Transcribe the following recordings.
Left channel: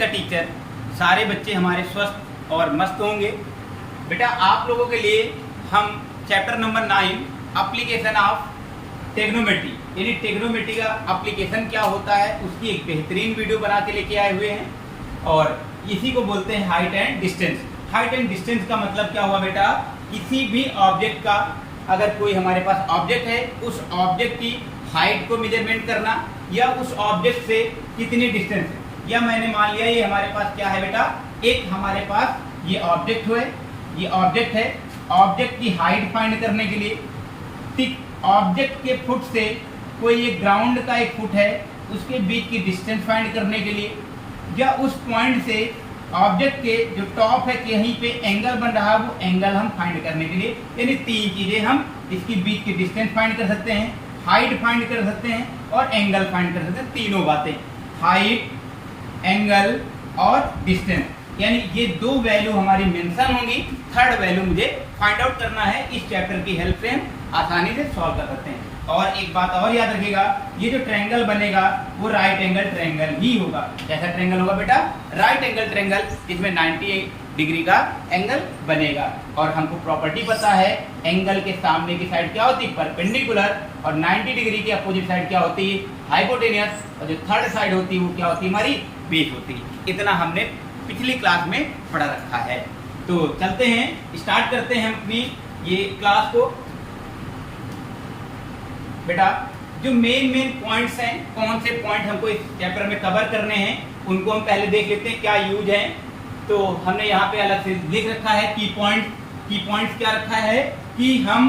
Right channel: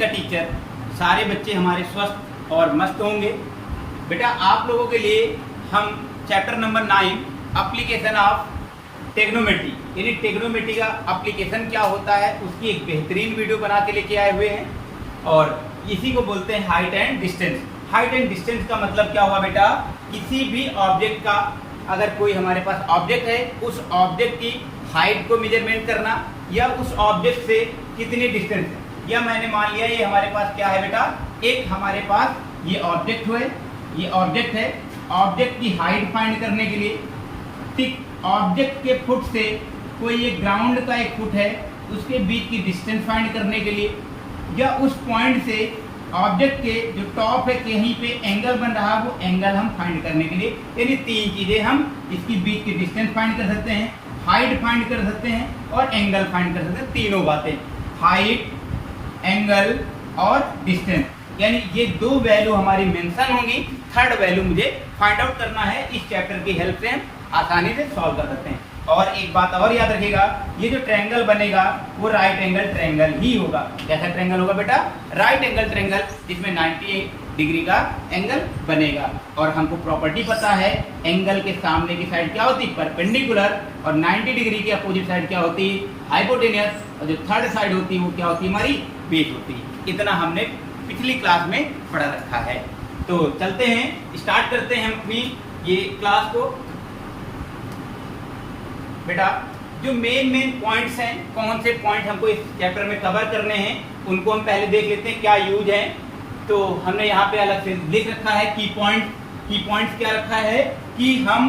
का टीचर, सारे बच्चे हमारे स्वस्थ और मस्त होंगे। बेटा आप लोगों के लिए हम chapter number 9 application of trigonometry यानी ट्रिग्नोमेट्री का एप्लीकेशन क्या होता है उसकी एक बेहतरीन वीडियो बना के लेके आए हुए हैं। और इसी को बोलते हैं height and distance. Height and distance का मतलब क्या हुआ बेटा, किसी भी ऑब्जेक्ट का, अगर कोई हमारे पास ऑब्जेक्ट है उस ऑब्जेक्ट की हाइट को मेजरमेंट करना या उस ऑब्जेक्ट से कितनी डिस्टेंस है। या मैंने मान लिया ये हमारे पास क्या है बेटा, एक हमारे पास ये ऑब्जेक्ट हुए, ये ऑब्जेक्ट है, ऑब्जेक्ट की हाइट फाइंड करने के लिए ठीक ऑब्जेक्ट के फुट से कोई ये ग्राउंड का एक फुट है उसके बीच की डिस्टेंस फाइंड करने के लिए, या उस पॉइंट से ऑब्जेक्ट के जो टॉप है कहीं पे एंगल बन रहा है वो एंगल हम फाइंड करने के लिए, यानी तीन चीजें हम इसकी बीच की डिस्टेंस फाइंड कर सकते हैं, हाइट फाइंड कर सकते हैं और एंगल फाइंड कर सकते हैं। तीनों बातें, हाइट, एंगल और डिस्टेंस, यानी ये दो वैल्यू हमारी मेंशन होंगी। थर्ड वैल्यू मुझे फाइंड आउट करना है। इस चैप्टर की हेल्प से हम आसानी से सॉल्व कर सकते हैं। और एक बात और याद रखिएगा, ये जो ट्रायंगल बनेगा वो राइट एंगल ट्रायंगल ही होगा। कैसा ट्रायंगल होगा बेटा, राइट एंगल ट्रायंगल, जिसमें 90 डिग्री का एंगल बनेगा। और हमको प्रॉपर्टी पता है, एंगल के सामने की साइड क्या होती है, परपेंडिकुलर, और 90 डिग्री की अपोजिट साइड क्या होती है, हाइपोटेनियस, और जो थर्ड साइड होती है वो क्या होती है, हमारी बेस होती है। इतना हमने पिछली क्लास में पढ़ा रखा है। तो चलते हैं, स्टार्ट करते हैं हम अपनी ये क्लास को। बेटा जो मेन पॉइंट्स हैं, कौन से पॉइंट हमको इस चैप्टर में कवर करने हैं उनको हम पहले देख लेते हैं क्या यूज है। तो हमने यहाँ पे अलग से लिख रखा है की पॉइंट्स क्या रखा है कि हम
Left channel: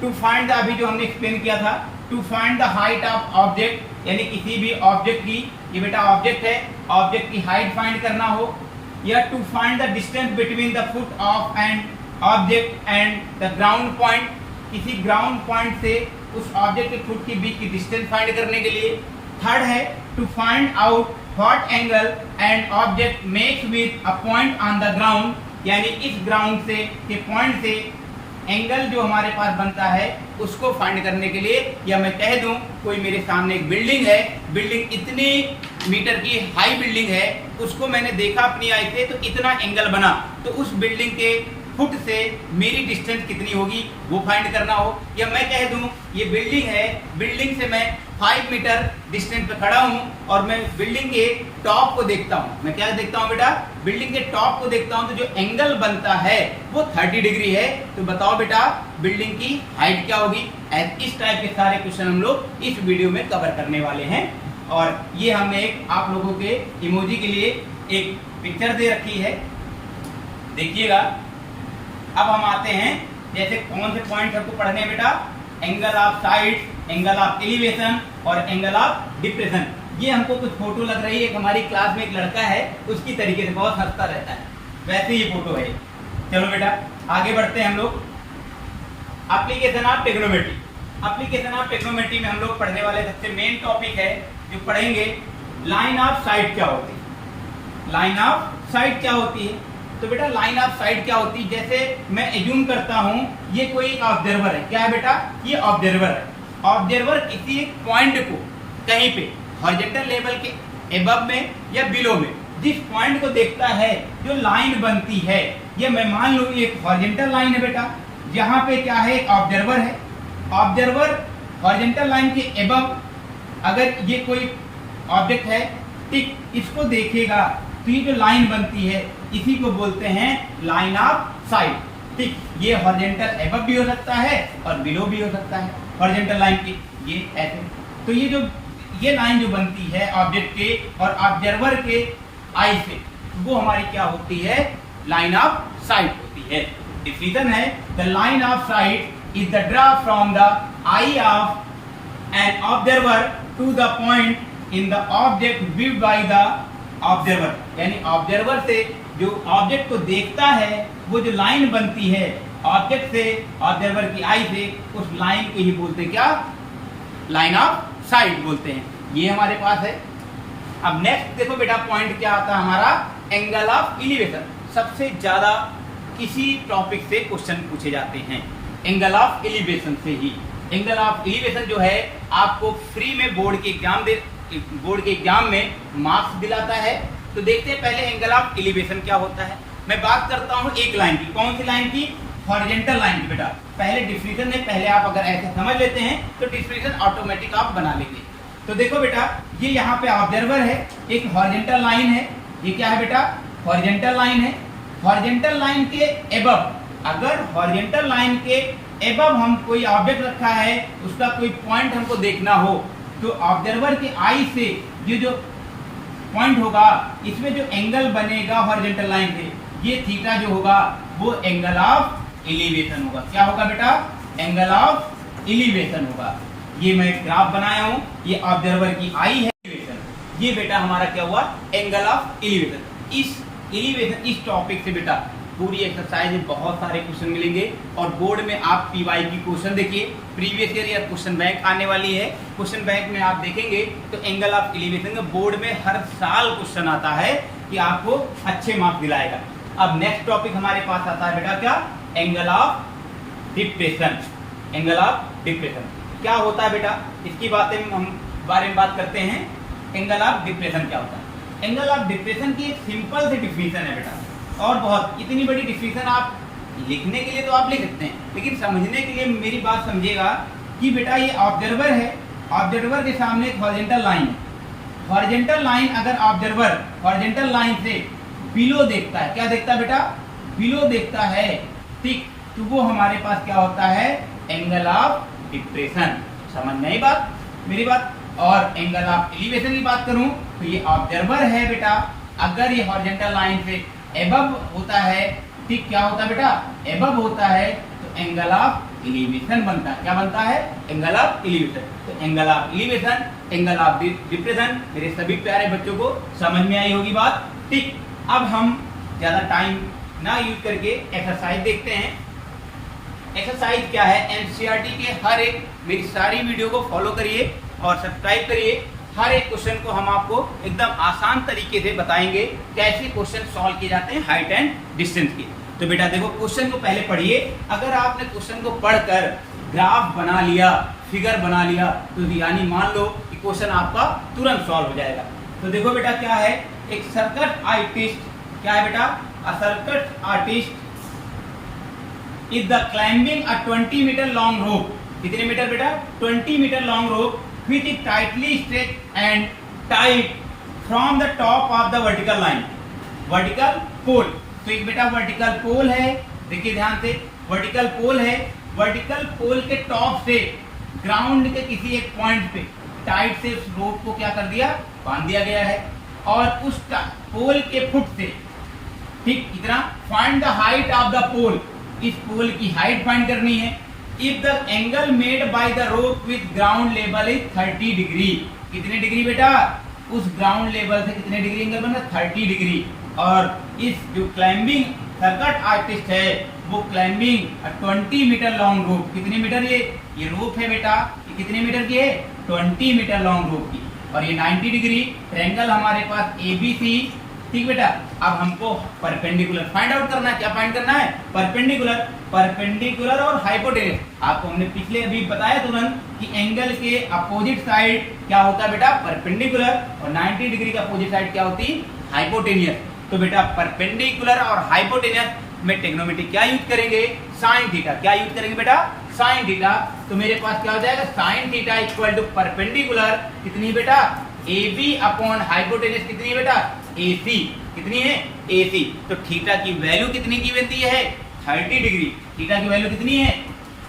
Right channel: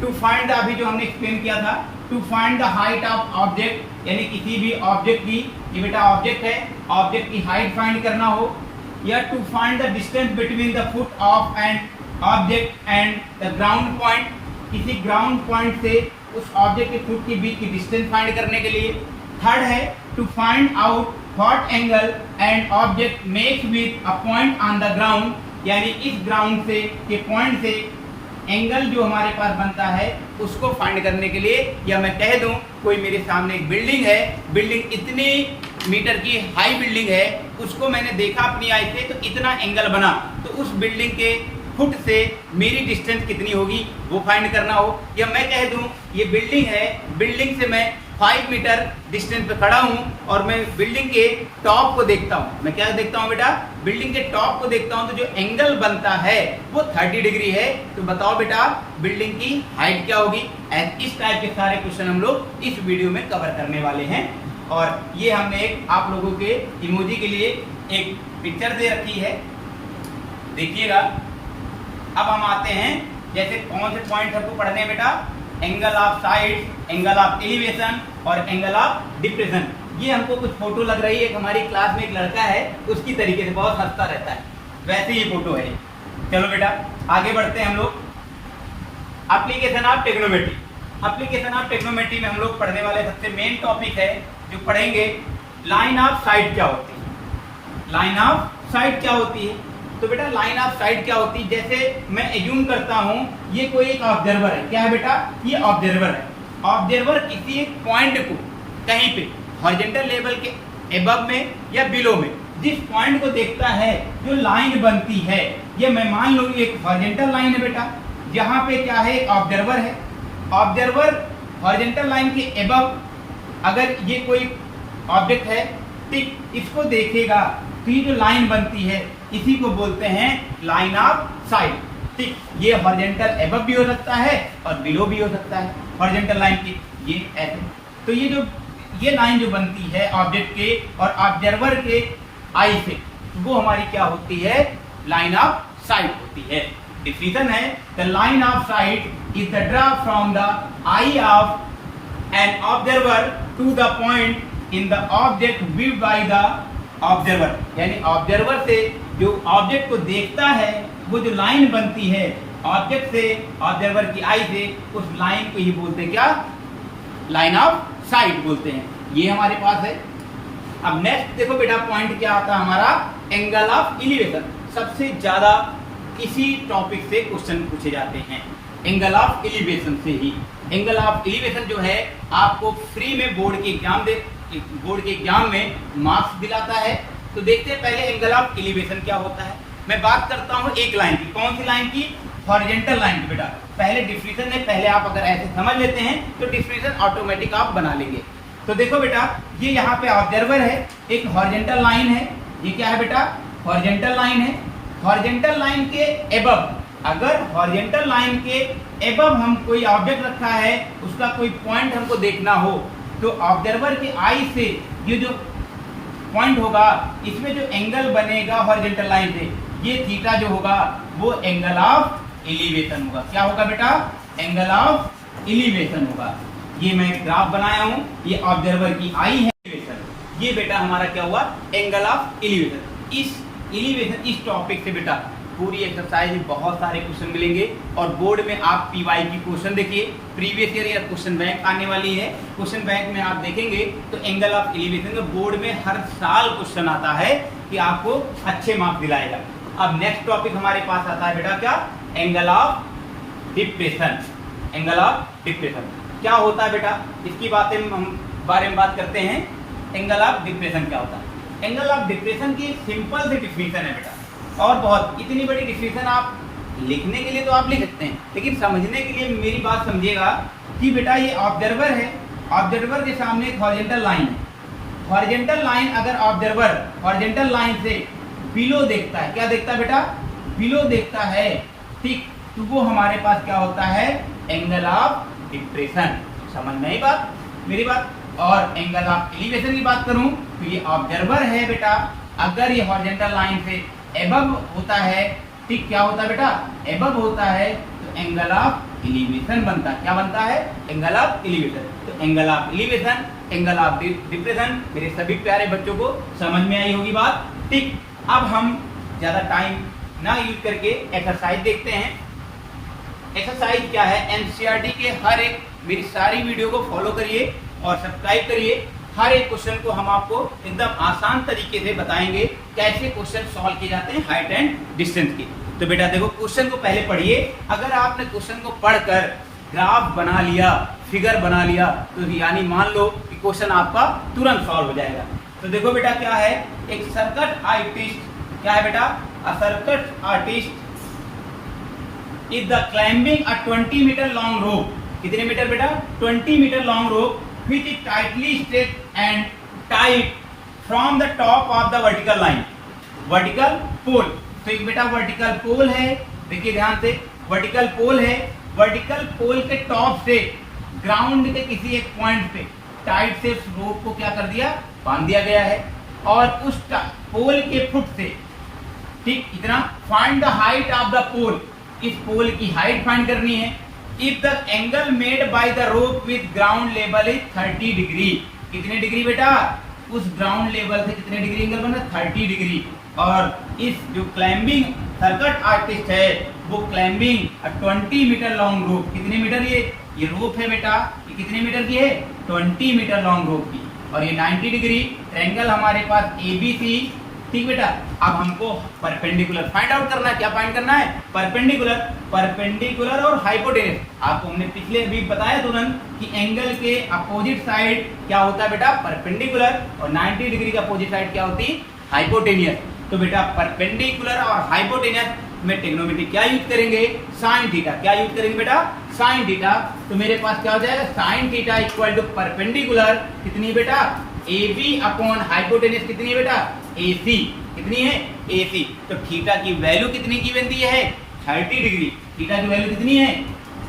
टू फाइंड द, अभी जो हमने एक्सप्लेन किया था, to find the height of object, यानी किसी भी ऑब्जेक्ट की, ये बेटा ऑब्जेक्ट है, ऑब्जेक्ट की हाइट फाइंड करना हो, या to find the distance between the foot of an object and the ground point, किसी ग्राउंड पॉइंट से उस ऑब्जेक्ट के फुट के बीच की डिस्टेंस फाइंड करने के लिए। थर्ड है to find out what angle and object makes with a point on the ground, यानी इस ग्राउंड से के पॉइंट से एंगल जो हमारे पास बनता है उसको फाइंड करने के लिए। या मैं कह दूं कोई मेरे सामने एक बिल्डिंग है, बिल्डिंग इतने मीटर की हाई बिल्डिंग है, उसको मैंने देखा अपनी आई से तो इतना एंगल बना, तो उस बिल्डिंग के फुट से मेरी डिस्टेंस कितनी होगी वो फाइंड करना हो। या मैं कह दूं ये बिल्डिंग है, बिल्डिंग से मैं 5 मीटर डिस्टेंस पे खड़ा हूं और मैं बिल्डिंग के टॉप को देखता हूं। मैं क्या देखता हूं बेटा, बिल्डिंग के टॉप को देखता हूं, तो जो एंगल बनता है वो 30 डिग्री है। तो बताओ बेटा बिल्डिंग की हाइट क्या होगी। इस टाइप के सारे क्वेश्चन हम लोग इस वीडियो में कवर करने वाले हैं। और ये हमने एक आप लोगों के इमोजी के लिए एक पिक्चर दे रखी है, देखिएगा। अब हम आते हैं, जैसे कौन से पॉइंट हमको पढ़ने हैं बेटा, angle of side, angle of elevation और एंगल ऑफ डिप्रेशन। ये हमको कुछ फोटो लग रही है, एक हमारी क्लास में एक लड़का है उसकी तरीके से बहुत हंसता रहता है, वैसे ही फोटो है। चलो बेटा आगे बढ़ते हैं हम लोग। Application of trigonometry. Application of trigonometry में हम लोग पढ़ने वाले सबसे मेन टॉपिक है जो पढ़ेंगे, लाइन ऑफ साइड क्या होती है। लाइन ऑफ साइड क्या होती है, तो बेटा लाइन ऑफ साइड क्या होती है, जैसे मैं एज्यूम करता हूं ये कोई एक ऑब्जर्वर है। क्या है बेटा, ये ऑब्जर्वर है। ऑब्जर्वर किसी एक पॉइंट को कहीं पे हॉरिजॉन्टल लेवल के एबव में या बिलो में जिस पॉइंट को देखता है, जो लाइन बनती है, ये मैं मान लूं एक हॉरिजॉन्टल लाइन है बेटा, जहां पे क्या है ऑब्जर्वर है। ऑब्जर्वर हॉरिजॉन्टल लाइन के एबव अगर ये कोई ऑब्जेक्ट है ठीक, इसको देखेगा तो ये जो लाइन बनती है इसी को बोलते हैं लाइन ऑफ साइड। ठीक, ये हॉरिजॉन्टल एबव भी हो सकता है और बिलो भी हो सकता है हॉरिजॉन्टल लाइन की, ये ऐसे। तो ये लाइन जो बनती है ऑब्जेक्ट के और ऑब्जर्वर के आई से, वो हमारी क्या होती है, लाइन ऑफ साइड होती है। डिफिनेशन है, the line of sight is the draw from the eye of an observer to the point in the object view by the observer, यानी ऑब्जर्वर से जो ऑब्जेक्ट को देखता है वो जो लाइन बनती है ऑब्जेक्ट से, ऑब्जर्वर की आई से, उस लाइन को ही बोलते क्या, लाइन ऑफ साइड बोलते हैं। ये हमारे पास है। अब नेक्स्ट देखो बेटा पॉइंट क्या आता है हमारा, एंगल ऑफ एलिवेशन। सबसे ज्यादा इसी टॉपिक से क्वेश्चन पूछे जाते हैं, एंगल ऑफ एलिवेशन से ही। एंगल ऑफ एलिवेशन जो है आपको फ्री में बोर्ड के एग्जाम में मार्क्स दिलाता है। तो देखते हैं पहले एंगल ऑफ एलिवेशन क्या होता है। मैं बात करता हूँ एक लाइन की, कौन सी लाइन की? हॉरिजॉन्टल लाइन की। बेटा पहले डिफिनेशन में पहले आप अगर ऐसे समझ लेते हैं तो डिफिनेशन ऑटोमेटिक आप बना लेंगे। तो देखो बेटा, ये यहाँ पे ऑब्जर्वर है, एक हॉरिजॉन्टल लाइन है, ये क्या है बेटा? हॉरिजॉन्टल लाइन है। हॉरिजॉन्टल लाइन के एबव, अगर हॉरिजॉन्टल लाइन के एबव हम कोई ऑब्जेक्ट रखा है, उसका कोई पॉइंट हमको देखना हो, तो ऑब्जर्वर के आई से ये जो पॉइंट होगा, इसमें जो एंगल बनेगा हॉरिजॉन्टल लाइन से, ये थीटा जो होगा वो एंगल ऑफ एलिवेशन होगा। क्या होगा बेटा? एंगल ऑफ एलिवेशन होगा। ये मैं ग्राफ बनाया हूं, ये ऑब्जर्वर की आई है एलिवेशन, ये बेटा हमारा क्या हुआ? Angle of elevation. इस एलिवेशन, इस टॉपिक से बेटा पूरी एक्सरसाइज में बहुत सारे क्वेश्चन मिलेंगे और बोर्ड में आप पीवाई की क्वेश्चन देखिए, प्रीवियस ईयर या क्वेश्चन बैंक आने वाली है। क्वेश्चन बैंक में आप देखेंगे तो एंगल ऑफ एलिवेशन का बोर्ड में हर साल क्वेश्चन आता है कि आपको अच्छे मार्क्स दिलाएगा। अब नेक्स्ट टॉपिक हमारे पास आता है बेटा क्या? Angle of depression. Angle of depression क्या होता है बेटा? इसकी बातें हम बारे में बात करते हैं। एंगल ऑफ डिप्रेशन क्या होता है? एंगल ऑफ डिप्रेशन की सिंपल से डिफिनेशन है बेटा, और बहुत इतनी बड़ी डिफिनेशन आप लिखने के लिए तो आप लिख सकते हैं, लेकिन समझने के लिए मेरी बात समझिएगा कि बेटा ये ऑब्जर्वर है, ऑब्जर्वर के सामने एक हॉरिजॉन्टल लाइन है। हॉरिजॉन्टल लाइन अगर ऑब्जर्वर हॉरिजॉन्टल लाइन से बिलो देखता है, क्या देखता है बेटा? बिलो देखता है, ठीक, तो वो हमारे पास क्या होता है? Angle of depression. समझ में आई बात मेरी बात? और एंगल ऑफ एलिवेशन की बात करूं तो ये ऑब्जर्वर है बेटा, अगर ये हॉरिजॉन्टल लाइन से एबव होता है, ठीक, क्या होता है बेटा? एबव होता है, तो एंगल ऑफ एलिवेशन बनता है। क्या बनता है? Angle of elevation. तो angle of elevation, angle of depression मेरे सभी प्यारे बच्चों को समझ में आई होगी बात, ठीक। अब हम ज्यादा टाइम ना यूज करके एक्सरसाइज देखते हैं। एक्सरसाइज क्या है? एनसीईआरटी के हर एक मेरी सारी वीडियो को फॉलो करिए और सब्सक्राइब करिए। हर एक क्वेश्चन को हम आपको एकदम आसान तरीके से बताएंगे कैसे क्वेश्चन सॉल्व किए जाते हैं हाइट एंड डिस्टेंस के। तो बेटा देखो, क्वेश्चन को पहले पढ़िए। अगर आपने क्वेश्चन को पढ़कर ग्राफ बना लिया, फिगर बना लिया, तो यानी मान लो कि क्वेश्चन आपका तुरंत सॉल्व हो जाएगा। तो देखो बेटा क्या है? एक सर्किट आर्टिस्ट, क्या है बेटा? A circuit artist is the climbing a 20 metre long rope. कितने मीटर बेटा? 20 metre long rope which is tightly stretched and tight from the top of the vertical line, vertical pole। तो एक बेटा vertical पोल है, देखिए ध्यान से, वर्टिकल पोल है, वर्टिकल पोल के टॉप से ग्राउंड के किसी एक पॉइंट पे टाइट से उस रोप को क्या कर दिया? बांध दिया गया है। और उस पोल के फुट से, ठीक, इतना find the height of the pole, इस पोल की हाइट फाइंड करनी है। If the angle made by the rope with ground level is 30 degree, कितने डिग्री बेटा? उस ग्राउंड लेवल से कितने डिग्री एंगल बना? 30 डिग्री। और इस जो क्लाइंबिंग सर्किट आर्टिस्ट है वो क्लाइंबिंग 20 मीटर लॉन्ग रोप, कितने मीटर? ये रोप है बेटा, ये कितने मीटर की है? 20 मीटर लॉन्ग रोप की, और ये 90 डिग्री। ट्रायंगल हमारे पास ABC, ठीक बेटा। अब हमको परपेंडिकुलर फाइंड आउट करना है। क्या फाइंड करना है? परपेंडिकुलर, परपेंडिकुलर और हाइपोटेनस। आपको हमने पिछले अभी बताया तुरंत कि एंगल के अपोजिट साइड क्या होता है बेटा? परपेंडिकुलर, और 90 डिग्री का अपोजिट साइड क्या होती? हाइपोटेनियस। तो बेटा परपेंडिकुलर और हाइपोटेनस में ट्रिग्नोमेट्री क्या यूज करेंगे? Sine theta. क्या यूज करेंगे बेटा? Sine theta. तो मेरे पास क्या हो जाएगा? Sine theta equal to perpendicular कितनी बेटा? AB अपॉन हाइपोटेनस कितनी बेटा? AC। कितनी है? AC। तो थीटा की वैल्यू कितनी की बनती है? 30 डिग्री। थीटा की वैल्यू कितनी है?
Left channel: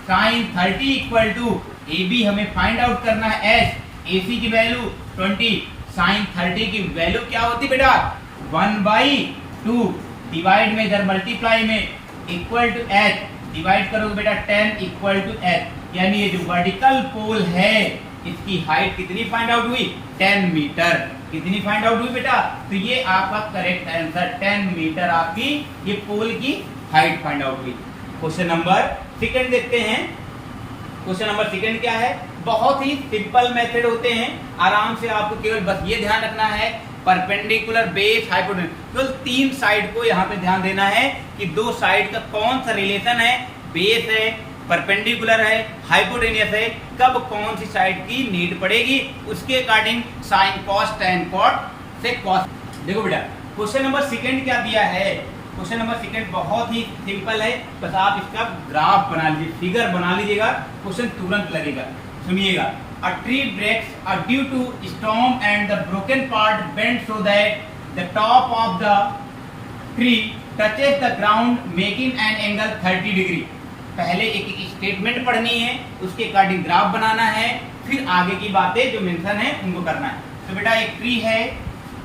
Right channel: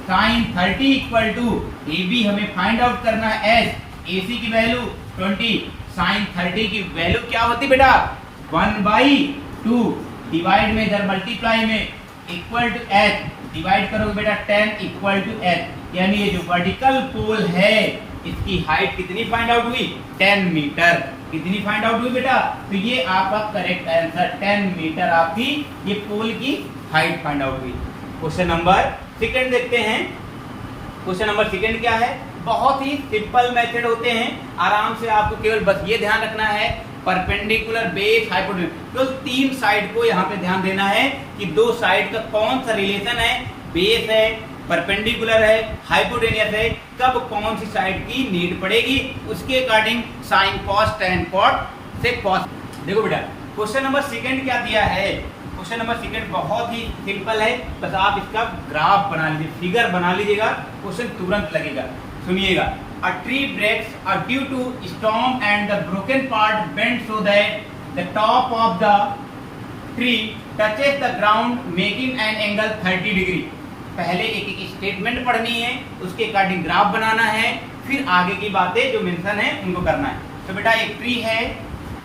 साइन 30 इक्वल टू AB हमें फाइंड आउट करना है S, AC की वैल्यू 20, साइन 30 की वैल्यू क्या होती बेटा? 1/2 डिवाइड में इधर मल्टीप्लाई में इक्वल टू H, डिवाइड करोगे बेटा 10 इक्वल टू H। यानी ये जो वर्टिकल पोल है इसकी हाइट कितनी फाइंड आउट हुई? 10 मीटर। कितनी फाइंड आउट हुई बेटा? तो ये आपका करेक्ट आंसर 10 मीटर आपकी ये पोल की हाइट फाइंड आउट हुई। क्वेश्चन नंबर सेकंड देखते हैं। क्वेश्चन नंबर सेकंड क्या है? बहुत ही सिंपल मेथड होते हैं, आराम से आपको केवल बस ये ध्यान रखना है, परपेंडिकुलर, बेस, हाइपोटेनस, तो 3 साइड को यहाँ पे ध्यान देना है कि 2 साइड का कौन सा रिलेशन है, बेस है, परपेंडिकुलर है, हाइपोटेनियस है, कब कौन सी साइड की नीड पड़ेगी, उसके according sine cos tan cot से कॉस देखो बेटा क्वेश्चन नंबर सेकंड क्या दिया है। क्वेश्चन नंबर सेकंड बहुत ही सिंपल है, बस आप इसका ग्राफ बना लीजिए, फिगर बना लीजिएगा, क्वेश्चन तुरंत लगेगा। सुनिएगा, a tree breaks due to storm and the broken part bend so that the top of the tree touches the ground making an angle 30 degree. पहले एक एक स्टेटमेंट पढ़नी है, उसके अकॉर्डिंग ग्राफ बनाना है, फिर आगे की बातें जो मेंशन है उनको करना है। तो बेटा एक ट्री है,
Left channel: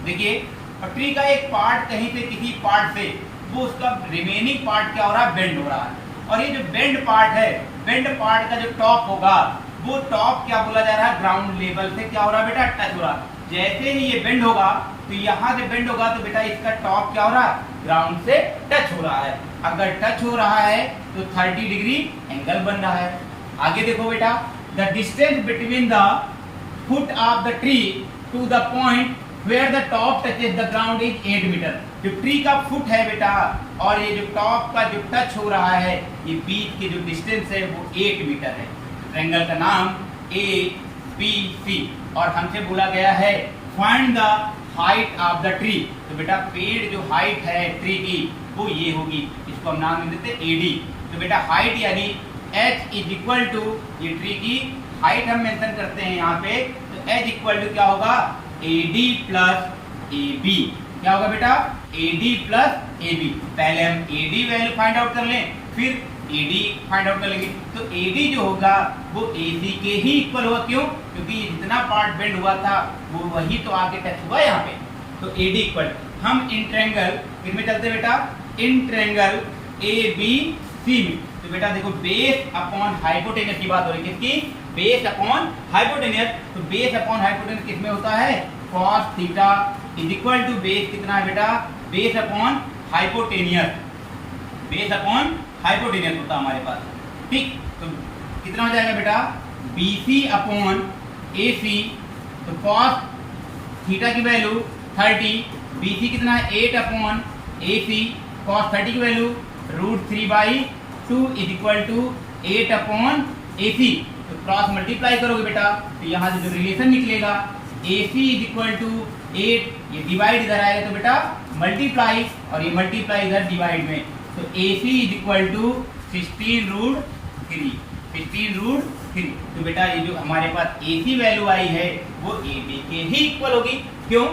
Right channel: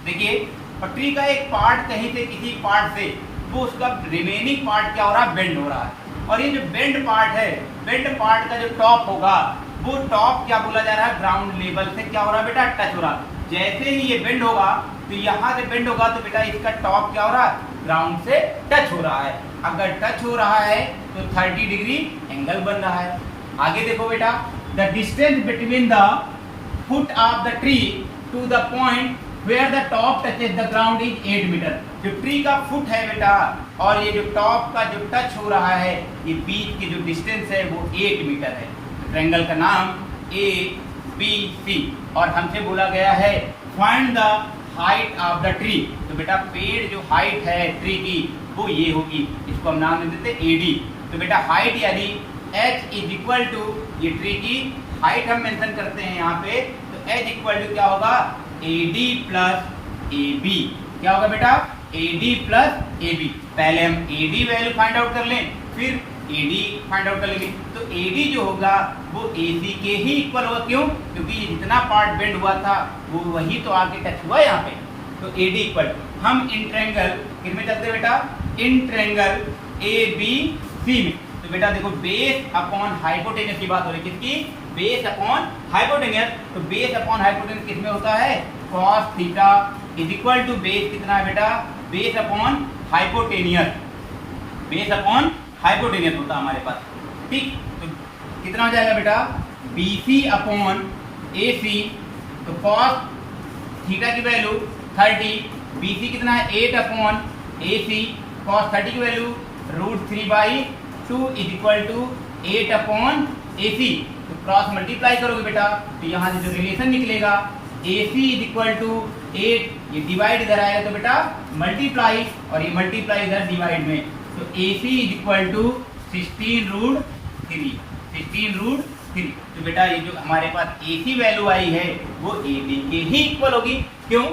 देखिए, और ट्री का एक पार्ट कहीं से किसी पार्ट से वो उसका रिमेनिंग पार्ट क्या हो रहा है, बेंड हो रहा है। और ये जो बेंड पार्ट है, बेंड पार्ट का जो टॉप होगा वो टॉप क्या बोला जा रहा है, ग्राउंड लेवल से क्या हो रहा है बेटा, टच हो रहा है। जैसे ही ये बेंड होगा तो यहाँ से बेंड होगा तो बेटा इसका टॉप क्या हो रहा है, ग्राउंड से टच हो रहा है। अगर टच हो रहा है तो 30 डिग्री एंगल बन रहा है। आगे देखो बेटा, the distance between the foot of the tree to the point where the top touches the ground is 8 metre. जो ट्री का फुट है बेटा और ये जो टॉप का जो टच हो रहा है, ये बीच की जो डिस्टेंस है वो 8 मीटर है। ट्रायंगल का नाम ABC और हमसे बोला गया है find the height of the tree. तो बेटा पेड़ जो हाइट है ट्री की वो ये होगी, इसको हम नाम देते हैं AD। तो बेटा हाइट यानी H इज इक्वल टू, ये ट्री की हाइट हम मेंशन करते हैं यहाँ पे, तो H इक्वल टू क्या होगा, AD प्लस AB। क्या होगा बेटा, AD प्लस AB। पहले हम AD वैल्यू फाइंड आउट कर लें, फिर AD फाइंड आउट कर लेंगे। तो AD जो होगा वो AC के ही इक्वल होगा। क्यों, क्योंकि जितना पार्ट बेंड हुआ था वो वही तो आगे टच हुआ यहाँ पे। तो AD इक्वल, हम इन ट्रायंगल किसमें चलते बेटा, इन ट्रायंगल ABC में। तो बेटा देखो बेस अपॉन हाइपोटेनस की बात हो रही है, किसकी, बेस अपॉन हाइपोटेनस। तो बेस अपॉन हाइपोटेनस किसमें होता है, cos theta is equal to base कितना है बेटा, base upon hypotenuse, base upon hypotenuse होता है हमारे पास। ठीक, तो कितना हो जाएगा बेटा, BC अपॉन AC। तो cos थीटा की वैल्यू 30, BC कितना है 8 अपॉन AC, cos 30 की value √3/2 is equal to 8 upon AC। तो क्रॉस मल्टीप्लाई करोगे बेटा तो यहाँ से जो रिलेशन निकलेगा AC इज इक्वल टू 8, ये डिवाइड इधर आएगा तो बेटा मल्टीप्लाई, और ये मल्टीप्लाई इधर डिवाइड में। तो AC इज इक्वल टू 16√3, 16√3। तो बेटा ये जो हमारे पास AC वैल्यू आई है वो AD के ही इक्वल होगी। क्यों,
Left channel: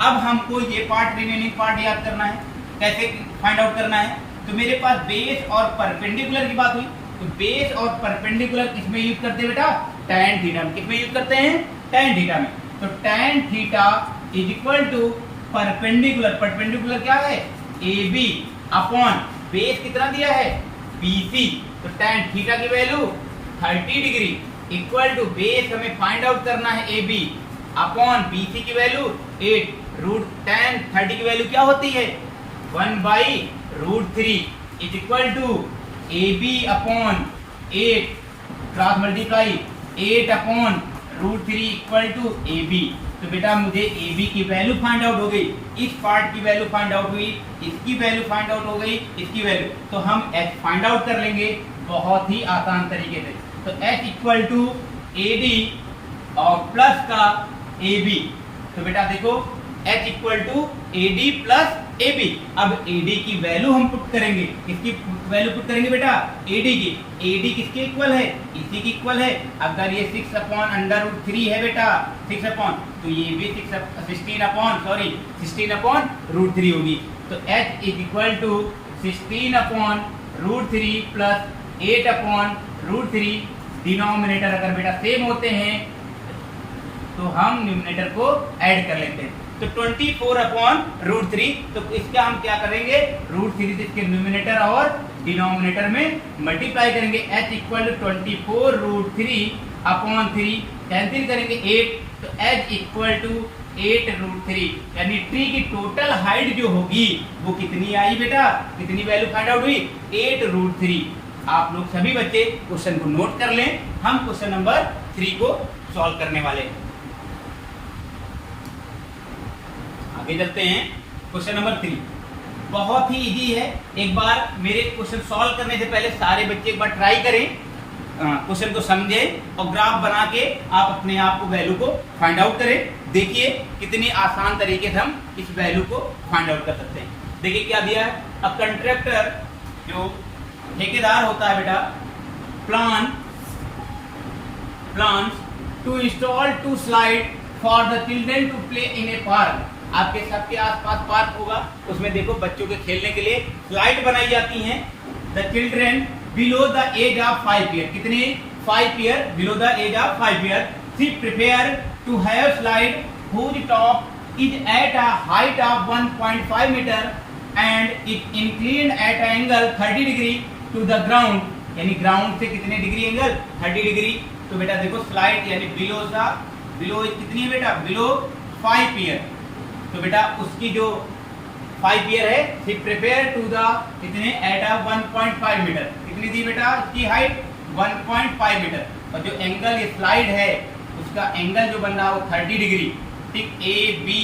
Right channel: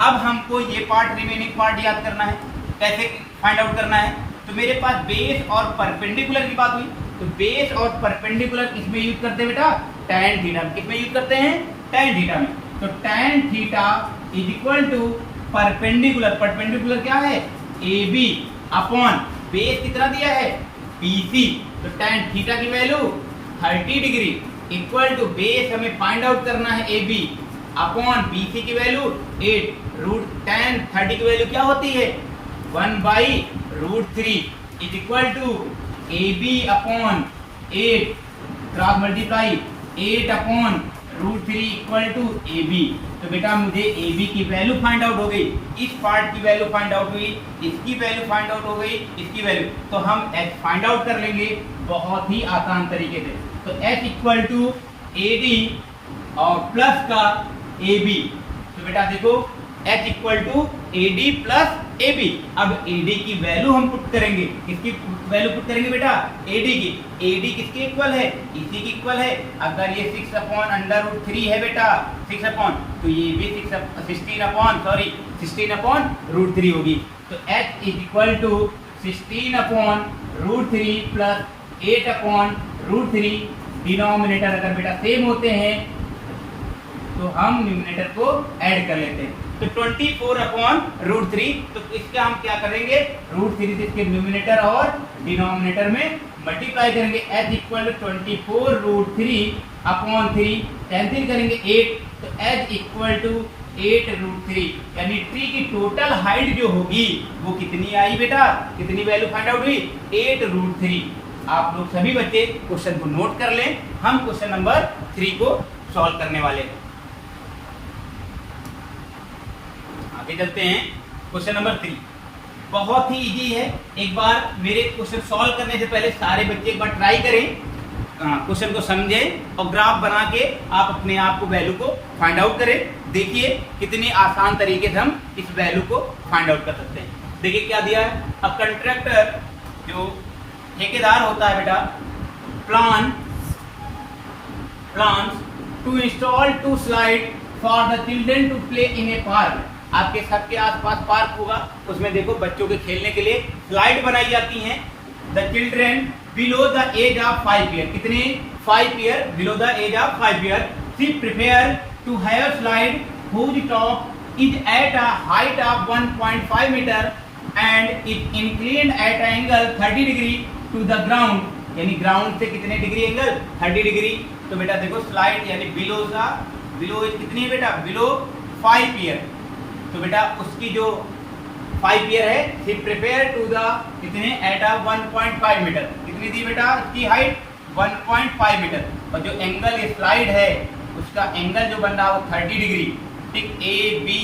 अब हमको ये पार्ट रिमेनिंग पार्ट याद करना है, कैसे फाइंड आउट करना है। तो मेरे पास बेस और परपेंडिकुलर की बात हुई, तो बेस और परपेंडिकुलर किसमें यूज करते हैं बेटा, tan थीटा में। किसमें यूज करते हैं, tan थीटा में। तो tan theta is equal to perpendicular, perpendicular क्या है, AB अपॉन बेस कितना दिया है, BC। तो tan थीटा की value 30 degree equal to base हमें फाइंड आउट करना है AB अपॉन BC की वैल्यू 8, √tan 30 की वैल्यू क्या होती है, 1/√3 is equal to AB upon 8 cross multiply 8 upon √3 equal to AB। तो बेटा मुझे AB की वैल्यू फाइंड आउट हो गई, इस पार्ट की वैल्यू फाइंड आउट हुई, इसकी वैल्यू फाइंड आउट हो गई, इसकी वैल्यू। तो हम H फाइंड आउट कर लेंगे बहुत ही आसान तरीके से। तो H इक्वल टू AD और प्लस का AB। तो बेटा देखो H equal to AD plus AB। अब AD की वैल्यू हम पुट करेंगे, किसकी वैल्यू पुट करेंगे बेटा, AD की। AD किसके इक्वल है, इसी की इक्वल है। अगर ये 6 अपॉन √3 है बेटा, 6 अपॉन, तो ये भी 16 अपॉन √3 होगी। तो H is equal to 16 upon √3 plus 8 upon √3। Denominator अगर बेटा सेम होते हैं तो हम न्यूमरेटर को ऐड कर लेते हैं। तो 24 अपॉन √3, तो इसका हम क्या करेंगे, √3 से इसके न्यूमरेटर और डिनोमिनेटर में मल्टीप्लाई करेंगे। H equal to 24 √3 upon 3 cancel करेंगे 8, तो H इक्वल टू 8 √3। यानी ट्री की टोटल हाइट जो होगी वो कितनी आई बेटा, कितनी वैल्यू फाइंड आउट हुई, 8 √3। आप लोग सभी बच्चे क्वेश्चन को नोट कर लें, हम क्वेश्चन नंबर 3 को सॉल्व करने वाले हैं। आगे चलते हैं, क्वेश्चन नंबर 3 बहुत ही इजी है। एक बार मेरे क्वेश्चन सॉल्व करने से पहले सारे बच्चे एक बार ट्राई करें, क्वेश्चन को समझें और ग्राफ बना के आप अपने आप को वैल्यू को फाइंड आउट करें। देखिए कितनी आसान तरीके से हम इस वैल्यू को फाइंड आउट कर सकते हैं। देखिए क्या दिया है, अ कंट्रैक्टर जो ठेकेदार होता है बेटा, plan to install 2 slide for the children to play in a park. आपके छत के आसपास पार्क होगा, उसमें देखो बच्चों के खेलने के लिए स्लाइड बनाई जाती हैं। The children below the age of 5 year, कितने 5 year, below the age of 5 year, she prepare to have slide whose top is at a height of 1.5 meter and it inclined at an angle 30 degree to the ground, यानी ground से कितने degree angle 30 degree. तो बेटा देखो slide यानी below कितनी है बेटा, बिलो 5 ईयर। तो बेटा उसकी जो 5 ईयर है, शी प्रिपेयर टू द कितने एट अ 1.5 मीटर, कितनी दी बेटा इसकी हाइट 1.5 मीटर, और जो एंगल ये स्लाइड है उसका एंगल जो बन रहा है वो 30 डिग्री। ठीक, ए बी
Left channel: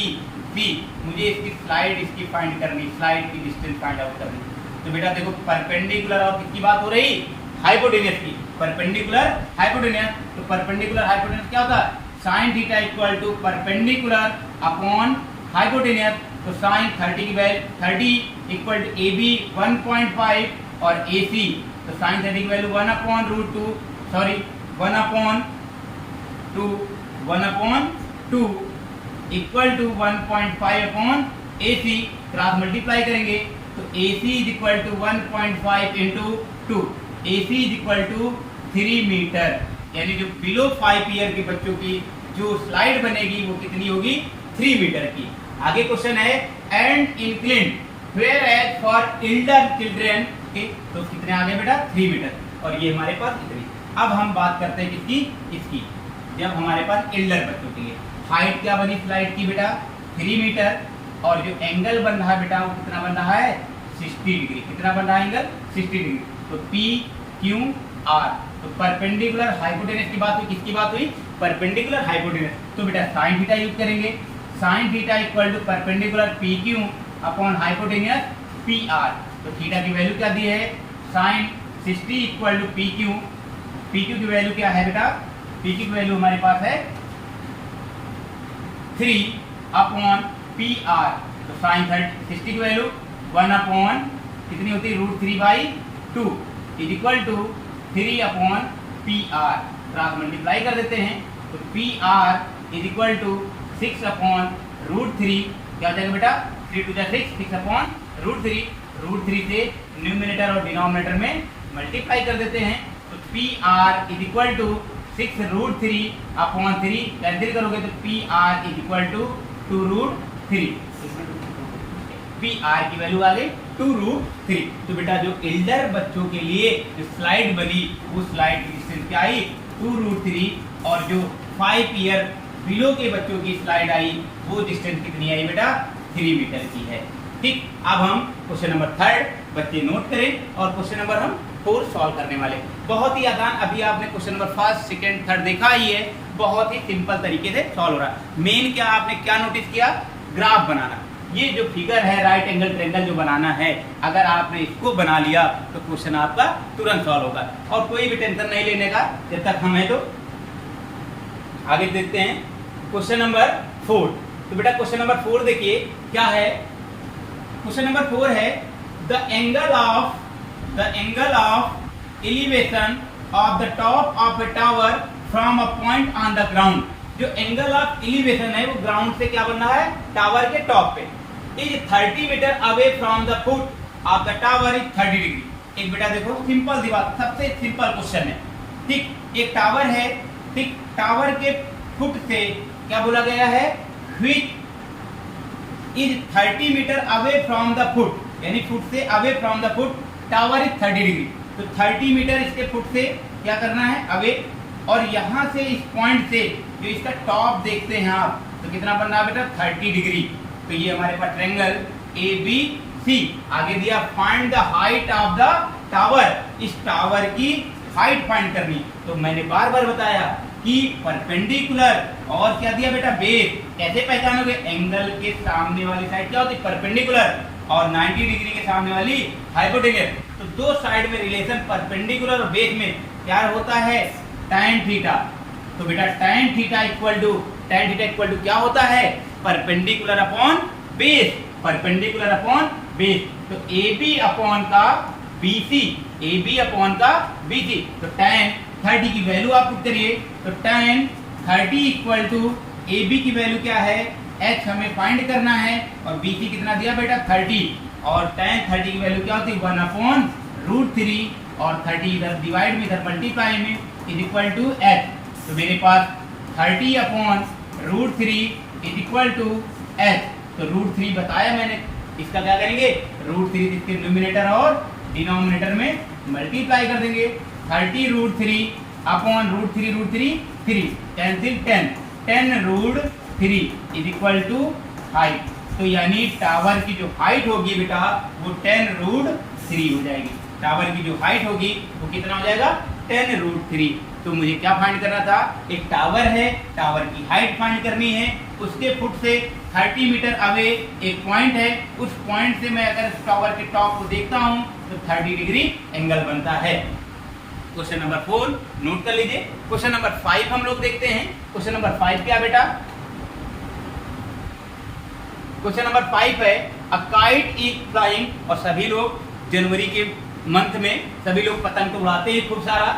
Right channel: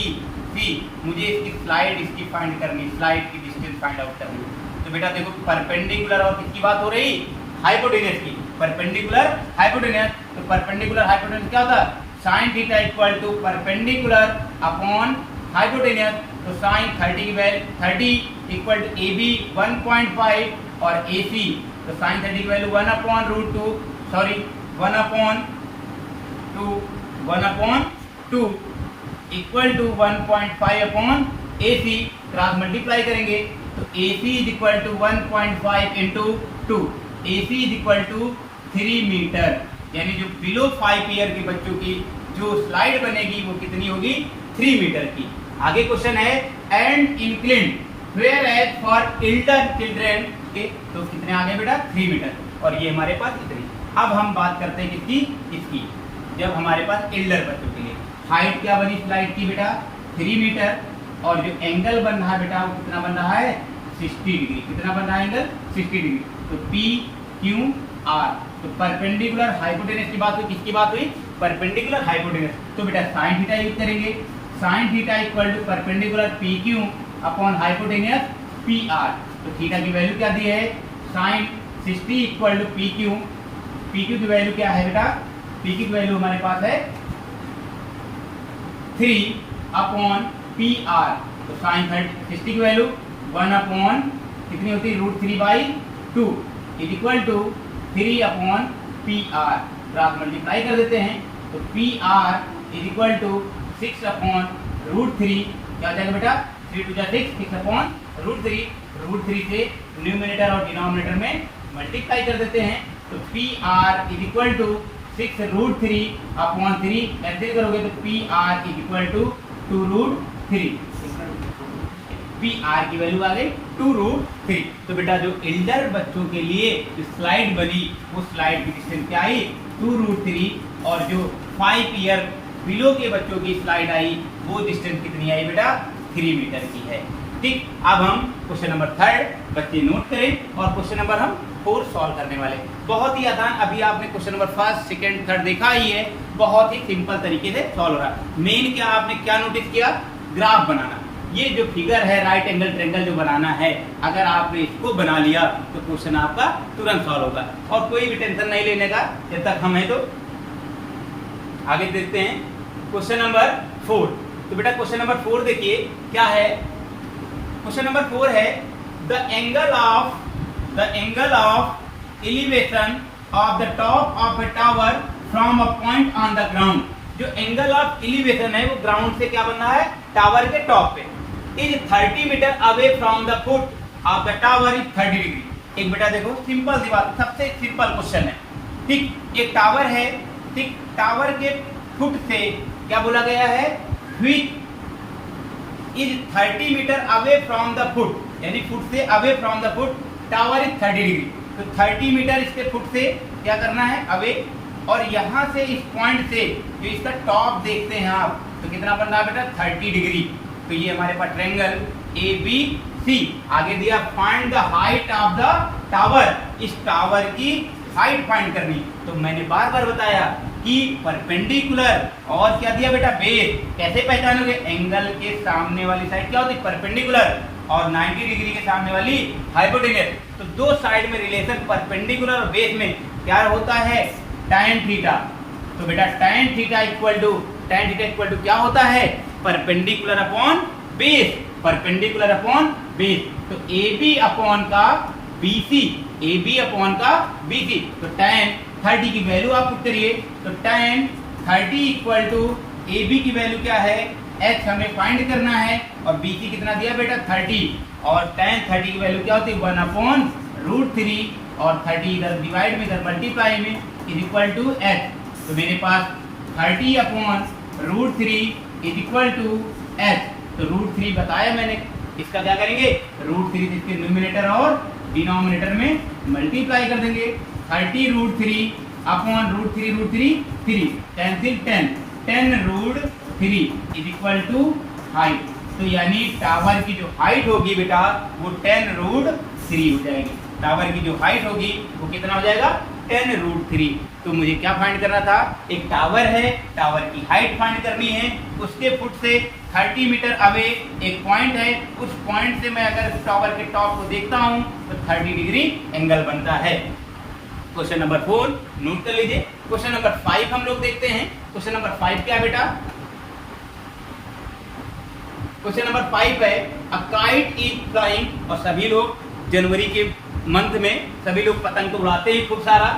सी, मुझे इसकी स्लाइड इसकी फाइंड करनी, स्लाइड की डिस्टेंस फाइंड आउट करनी। तो बेटा देखो परपेंडिकुलर और किसकी बात हो रही, हाइपोटेन्यूस की, परपेंडिकुलर हाइपोटेन्यूस। तो परपेंडिकुलर हाइपोटेन्यूस क्या होता है, sine theta equal to perpendicular upon hypotenuse. तो साइन 30 की value 30 equal to A B 1.5 और ए सी, तो साइन 30 की value 1 upon root 2, sorry 1 upon 2 equal to 1.5 upon A C, cross multiply करेंगे तो A C is equal to 1.5 into 2, A C is equal to 3 metre. यानी जो below 5 year के बच्चों की जो स्लाइड बनेगी वो कितनी होगी, 3 मीटर की। आगे क्वेश्चन है and inclined whereas for elder children, तो कितने आ गए बेटा 3 मीटर, और ये हमारे पास इतनी। अब हम बात करते हैं किसकी, इसकी, जब हमारे पास एल्डर बच्चों के लिए हाइट क्या बनी स्लाइड की बेटा 3 मीटर, और जो एंगल बन रहा है बेटा वो कितना बन रहा है 60 डिग्री, कितना बन रहा है एंगल 60 डिग्री। तो पी क्यू आर, तो परपेंडिकुलर हाइपोटेन्यूस की बात हुई, किसकी बात हुई, परपेंडिकुलर हाइपोटेन्यूस। तो बेटा साइन थीटा यूज करेंगे, sine theta equal to perpendicular P Q upon hypotenuse P R. तो थीटा की वैल्यू क्या दी है, sine 60 equal to P Q की वैल्यू क्या है बेटा, पी की वैल्यू हमारे पास है 3 अपॉन पी आर। तो साइन 60 की वैल्यू 1 अपॉन कितनी होती है, √3/2 is equal to 3 upon P R, cross multiply कर देते हैं तो P R is equal to 6 upon √3, क्या हो जाएगा बेटा 3 to 6, 6 अपॉन √3 से न्यूमिनेटर और डिनोमिनेटर में मल्टीप्लाई कर देते हैं। तो P R is equal to 6 √3 upon 3, cancel करोगे तो P R is equal to 2√3, P R की वैल्यू आ गई 2√3। तो बेटा जो एल्डर बच्चों के लिए जो स्लाइड बनी वो स्लाइड की डिस्टेंस क्या आई 2√3, और जो 5 ईयर बिलो के बच्चों की स्लाइड आई वो डिस्टेंस कितनी आई बेटा 3 मीटर की है। ठीक, अब हम क्वेश्चन नंबर 3 बच्चे नोट करें और क्वेश्चन नंबर हम 4 सॉल्व करने वाले। बहुत ही आसान, अभी आपने क्वेश्चन नंबर 1, 2, 3 देखा ही है, बहुत ही सिंपल तरीके से सॉल्व हो रहा है। मेन क्या आपने क्या नोटिस किया, ग्राफ बनाना। ये जो फिगर है राइट एंगल ट्रायंगल जो बनाना है, अगर आपने इसको बना लिया तो क्वेश्चन आपका तुरंत सॉल्व होगा, और कोई भी टेंशन नहीं लेने का जब तक हम हैं। तो आगे देखते हैं क्वेश्चन नंबर 4। तो बेटा क्वेश्चन नंबर 4 देखिए क्या है, क्वेश्चन नंबर 4 है the angle of elevation of the top of A tower from a point on the ground. जो एंगल ऑफ एलिवेशन है वो ग्राउंड से क्या बन रहा है, टावर के टॉप पे, is 30 metre away from the foot of the tower is 30 degree. एक बेटा देखो सिंपल सी बात, सबसे सिंपल क्वेश्चन है। ठीक, एक टावर है, ठीक, टावर के फुट से क्या बोला गया है, which is 30 metre away from the foot, यानी फुट से away from the foot, tower is 30 degree. तो 30 मीटर इसके फुट से क्या करना है अवे, और यहाँ से इस पॉइंट से जो इसका टॉप देखते हैं आप, तो कितना बन रहा है बेटा 30 डिग्री। तो ये हमारे पास ट्रायंगल ए बी सी। आगे दिया find the height of the tower, इस टावर की हाइट फाइंड करनी। तो मैंने बार बार बताया कि परपेंडिकुलर और क्या दिया बेटा बेस। कैसे पहचानोगे, एंगल के सामने वाली साइड क्या होती है परपेंडिकुलर, और 90 डिग्री के सामने वाली हाइपोटेन्यूस। तो दो साइड में रिलेशन परपेंडिकुलर और बेस में क्या होता है tan थीटा। तो बेटा tan थीटा इक्वल टू क्या होता है perpendicular upon base, perpendicular upon base. तो AB अपॉन का BC, AB अपॉन का BC। तो tan 30 की वैल्यू आप पुट करिए। तो tan 30 इक्वल टू AB की वैल्यू क्या है h हमें फाइंड करना है और BC कितना दिया बेटा 30 और tan 30 की वैल्यू क्या होती है 1 अपॉन √3 और 30 इधर डिवाइड में इधर मल्टीप्लाई में इज इक्वल टू h। तो मेरे पास 30 upon √3 is equal to h। तो √3 बताया मैंने, इसका क्या करेंगे √3 इसके न्यूमिनेटर और डिनोमिनेटर में मल्टीप्लाई कर देंगे। 30 √3 upon √3 3 cancel 10 √3 is equal to height. तो यानी टावर की जो हाइट होगी बेटा वो 10 √3 हो जाएगी। टावर की जो हाइट होगी वो कितना हो जाएगा 10 √3। तो मुझे क्या फाइंड करना था, एक टावर है, टावर की हाइट फाइंड करनी है, उसके फुट से 30 मीटर अवे एक पॉइंट है, उस पॉइंट से मैं अगर टावर के टॉप को देखता हूं तो 30 डिग्री एंगल बनता है। क्वेश्चन नंबर 4 नोट कर लीजिए। क्वेश्चन नंबर 5 हम लोग देखते हैं। क्वेश्चन नंबर 5 क्या बेटा, क्वेश्चन नंबर 5 है अ काइट इज फ्लाइंग। और सभी लोग जनवरी के मंथ में सभी लोग पतंग तो उड़ाते हैं खूब सारा।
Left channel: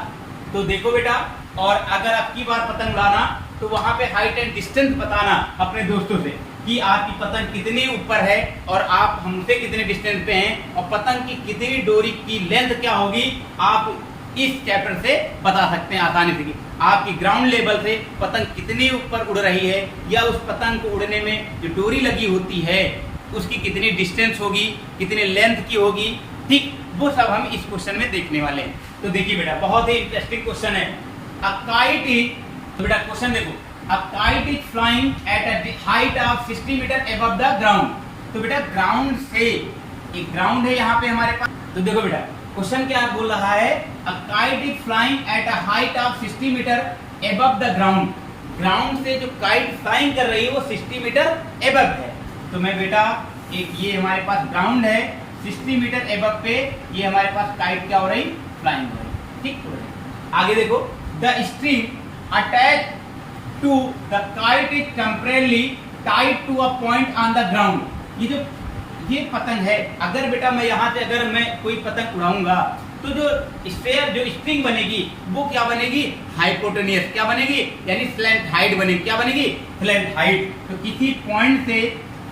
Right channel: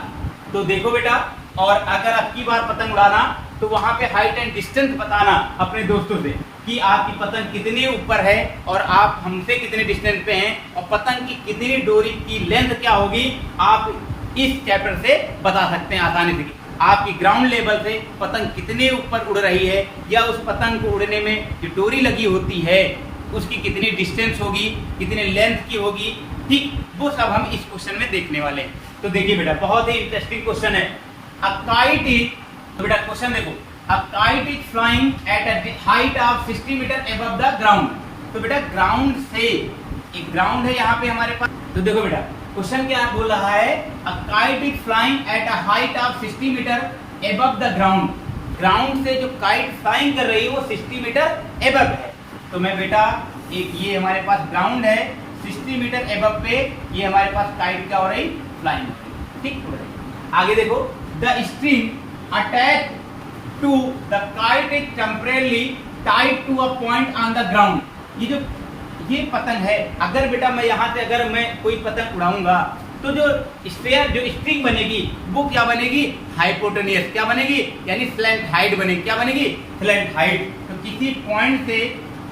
तो देखो बेटा, और अगर आपकी बार पतंग उड़ाना तो वहां पे हाइट एंड डिस्टेंस बताना अपने दोस्तों से कि आपकी पतंग कितने ऊपर है और आप हमसे कितने डिस्टेंस पे हैं और पतंग की कितनी डोरी की लेंथ क्या होगी, आप इस चैप्टर से बता सकते हैं आसानी से कि आपकी ग्राउंड लेवल से पतंग कितने ऊपर उड़ रही है या उस पतंग को उड़ने में जो डोरी लगी होती है उसकी कितनी डिस्टेंस होगी, कितने लेंथ की होगी, ठीक वो सब हम इस क्वेश्चन में देखने वाले हैं। तो देखिए बेटा, बहुत ही इंटरेस्टिंग क्वेश्चन है। अ काइट इज, तो बेटा क्वेश्चन देखो, a kite is flying at a height of 60 metre above the ground. तो बेटा ग्राउंड से, एक ग्राउंड है यहाँ पे हमारे पास। तो देखो बेटा क्वेश्चन क्या बोल रहा है, a kite is flying at a height of 60 metre above the ground. Ground से जो काइट फ्लाइंग कर रही है वो 60 मीटर अबव है। तो मैं बेटा एक ये हमारे पास ग्राउंड है 60 मीटर एबव पे, ये हमारे पास काइट क्या हो रही फ्लाइंग, ठीक। आगे देखो, the string attach to the kite is temporarily tied to a point on the ground. ये पतंग है, अगर बेटा मैं यहाँ से अगर मैं कोई पतंग उड़ाऊंगा तो जो स्फेयर जो स्ट्रिंग बनेगी वो क्या बनेगी हाइपोटेनियस, क्या बनेगी यानी स्लैंट हाइट बनेगी, क्या बनेगी स्लैंट हाइट। तो किसी पॉइंट से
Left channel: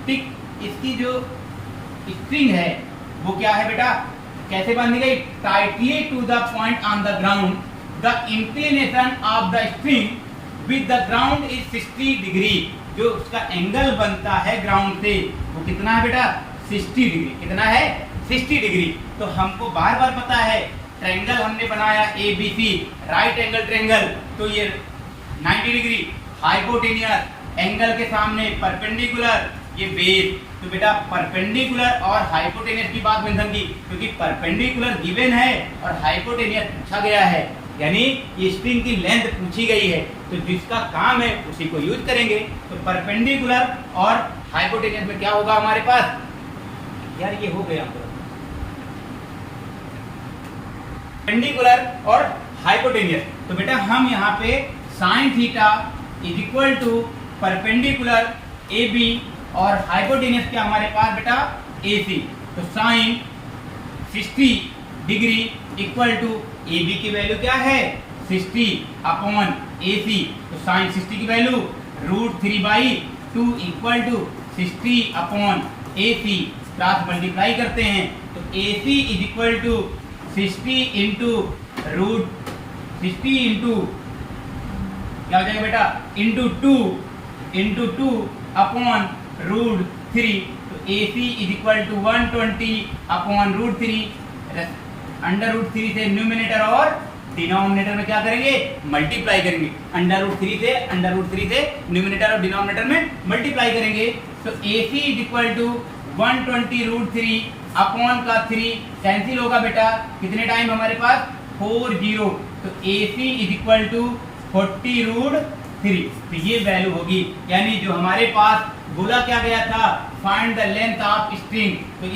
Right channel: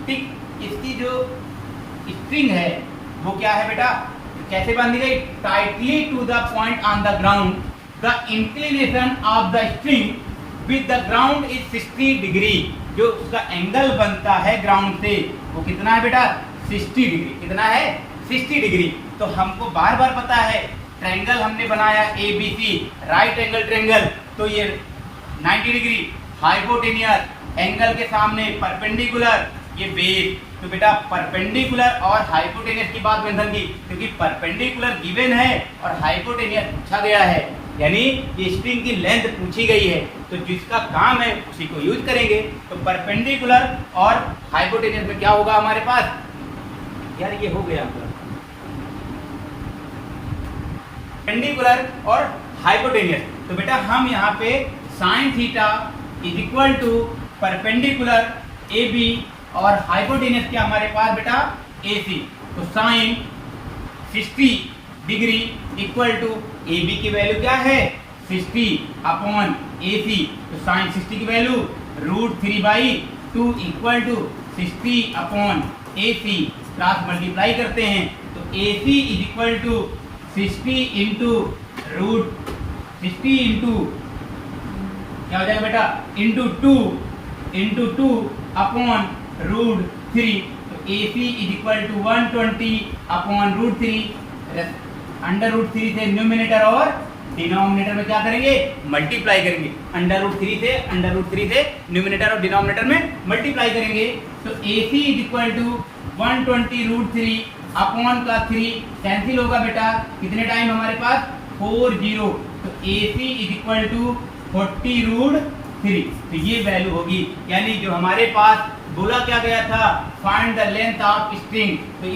ठीक इसकी जो स्ट्रिंग है वो क्या है बेटा कैसे बांधी गई, tightly to the point on the ground. The inclination of the string with the ground is 60 degree. जो उसका एंगल बनता है ग्राउंड से वो कितना है बेटा 60 डिग्री। कितना है 60 डिग्री। तो हमको बार बार पता है ट्रायंगल हमने बनाया ABC राइट एंगल ट्रायंगल, तो ये 90 डिग्री हाइपोटेनियस, एंगल के सामने परपेंडिकुलर, ये बेस। तो बेटा परपेंडिकुलर और हाइपोटेनियस की बात मेंशन की क्योंकि परपेंडिकुलर गिवन है और हाइपोटेनियस पूछा गया है, यानी ये स्ट्रिंग की लेंथ पूछी गई है। तो जिसका काम है उसी को यूज करेंगे। तो परपेंडिकुलर और हाइपोटेनियस में क्या होगा हमारे पास, यार ये हो गया परपेंडिकुलर और हाइपोटेनियस। तो बेटा हम यहाँ पे sine theta is equal to perpendicular AB और हाइपोटेनियस क्या हमारे पास बेटा AC। तो sine 60 degree equal to AB की वैल्यू क्या है 60 अपॉन AC। तो साइन 60 की value √3/2 equal to 60 upon AC। Cross multiply करते हैं तो AC is equal to 60 into क्या हो जाएगा बेटा इंटू 2 अपॉन √3। तो AC is equal to 120 upon √3। Under √3 से न्यूमिनेटर और डिनोमिनेटर में क्या करेंगे मल्टीप्लाई करेंगे। अंडर √3 से न्यूमिनेटर और डिनोमिनेटर में मल्टीप्लाई करेंगे। तो AC is equal to 120 √3 upon का 3 कैंसिल होगा बेटा, कितने टाइम हमारे पास 40। तो AC इज इक्वल टू 40 √3। तो ये वैल्यू होगी, यानी जो हमारे पास बोला क्या गया था find the length of string. तो